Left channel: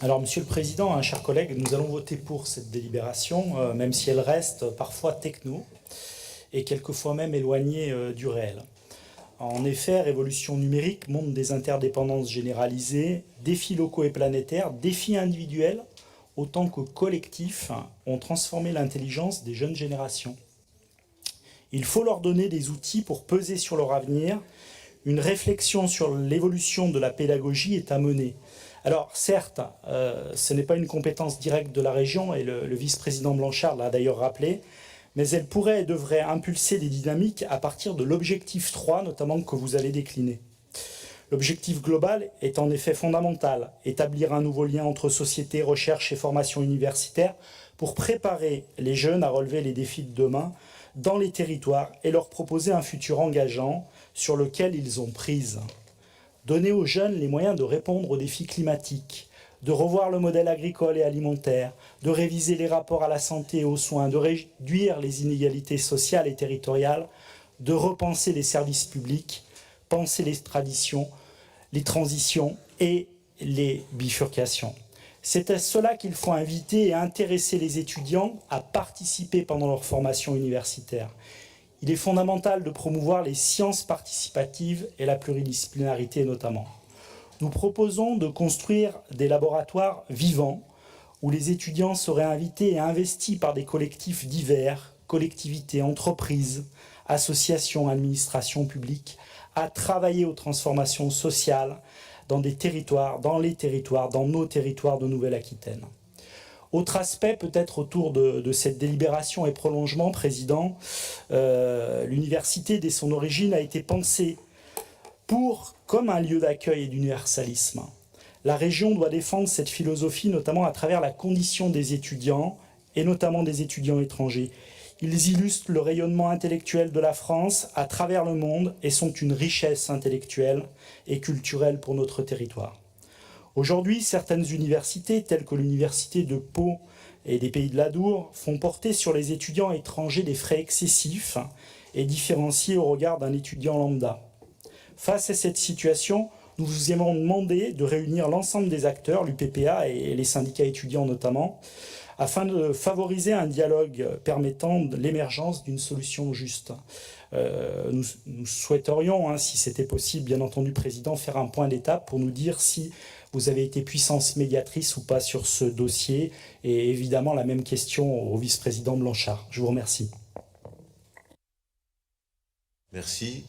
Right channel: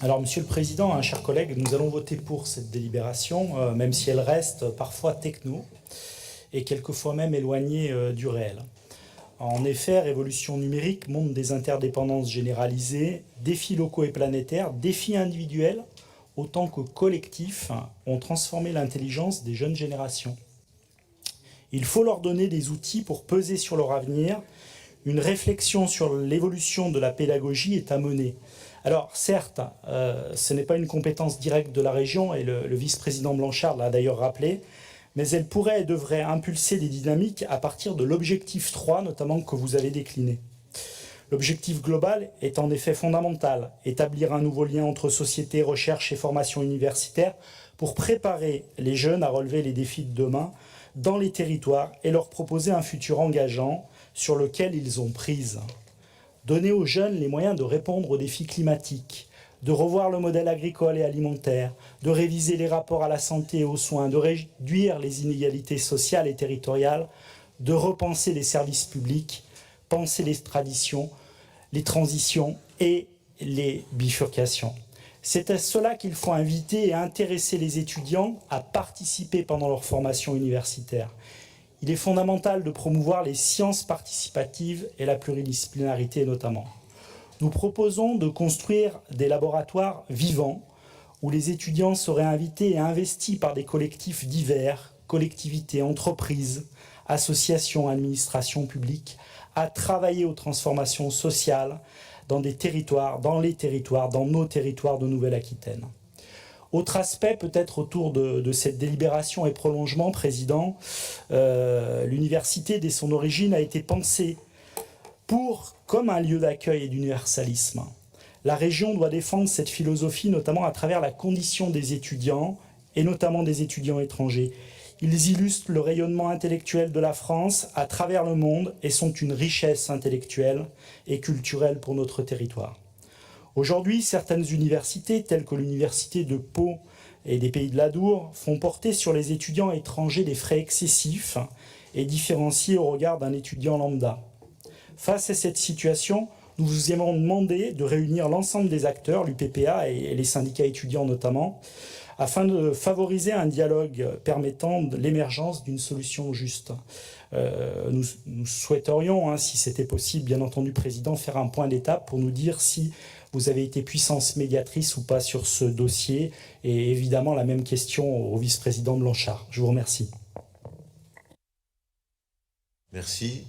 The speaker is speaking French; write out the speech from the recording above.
Alors, Monsieur le Président, chers collègues, nous allons voter pour cette délibération, même si elle reste parfois techno et quelquefois même éloignée du réel. En effet, révolution numérique, monde des interdépendances généralisées, défis locaux et planétaires, défis individuels autant que collectifs ont transformé l'intelligence des jeunes générations. Il faut leur donner des outils pour peser sur leur avenir. Une réflexion sur l'évolution de la pédagogie est à mener. Alors certes, ce n'est pas une compétence directe de la région, et le vice-président Blanchard l'a d'ailleurs rappelé, mais elle pourrait et devrait impulser des dynamiques à partir de l'objectif 3, notamment que vous avez décliné. L'objectif global est en effet fondamental, établir un nouveau lien entre société, recherche et formation universitaire pour préparer les jeunes à relever les défis de demain dans les territoires et leur proposer un futur engageant sur lequel ils ont prise. Donner aux jeunes les moyens de répondre aux défis climatiques, de revoir le modèle agricole et alimentaire, de réviser les rapports à la santé et aux soins, de réduire les inégalités sociales et territoriales, de repenser les services publics, penser les traditions, les transitions et les bifurcations. C'est à cela qu'il faut inviter et intéresser les étudiants à participer pendant leur formation universitaire. Il est fondamental de promouvoir les sciences participatives et la pluridisciplinarité notamment. Nous proposons de construire des laboratoires vivants où les étudiants seraient invités et investis par des collectifs divers, collectivités, entreprises, associations, administrations publiques, à travailler aux transformations sociales dans des territoires, dans nos territoires de Nouvelle-Aquitaine. Autre aspect peut-être autour de cette délibération et prolongement, Président, l'université dès son origine a été pensée comme un lieu d'accueil et d'universalisme. La région doit défendre cette philosophie notamment à travers la condition des étudiants et notamment des étudiants étrangers. Ils illustrent le rayonnement intellectuel de la France à travers le monde et sont une richesse intellectuelle et culturelle pour notre territoire. Aujourd'hui, certaines universités, telles que l'université de Pau et des Pays de l'Adour, font porter sur les étudiants étrangers des frais excessifs et différenciés au regard d'un étudiant lambda. Face à cette situation, nous vous avons demandé de réunir l'ensemble des acteurs, l'UPPA et les syndicats étudiants notamment, afin de favoriser un dialogue permettant l'émergence d'une solution juste. Nous souhaiterions, si c'était possible, bien entendu, Président, faire un point d'étape pour nous dire si vous avez été puissance médiatrice ou pas sur ce dossier. Et évidemment, la même question au vice-président Blanchard. Je vous remercie. Merci.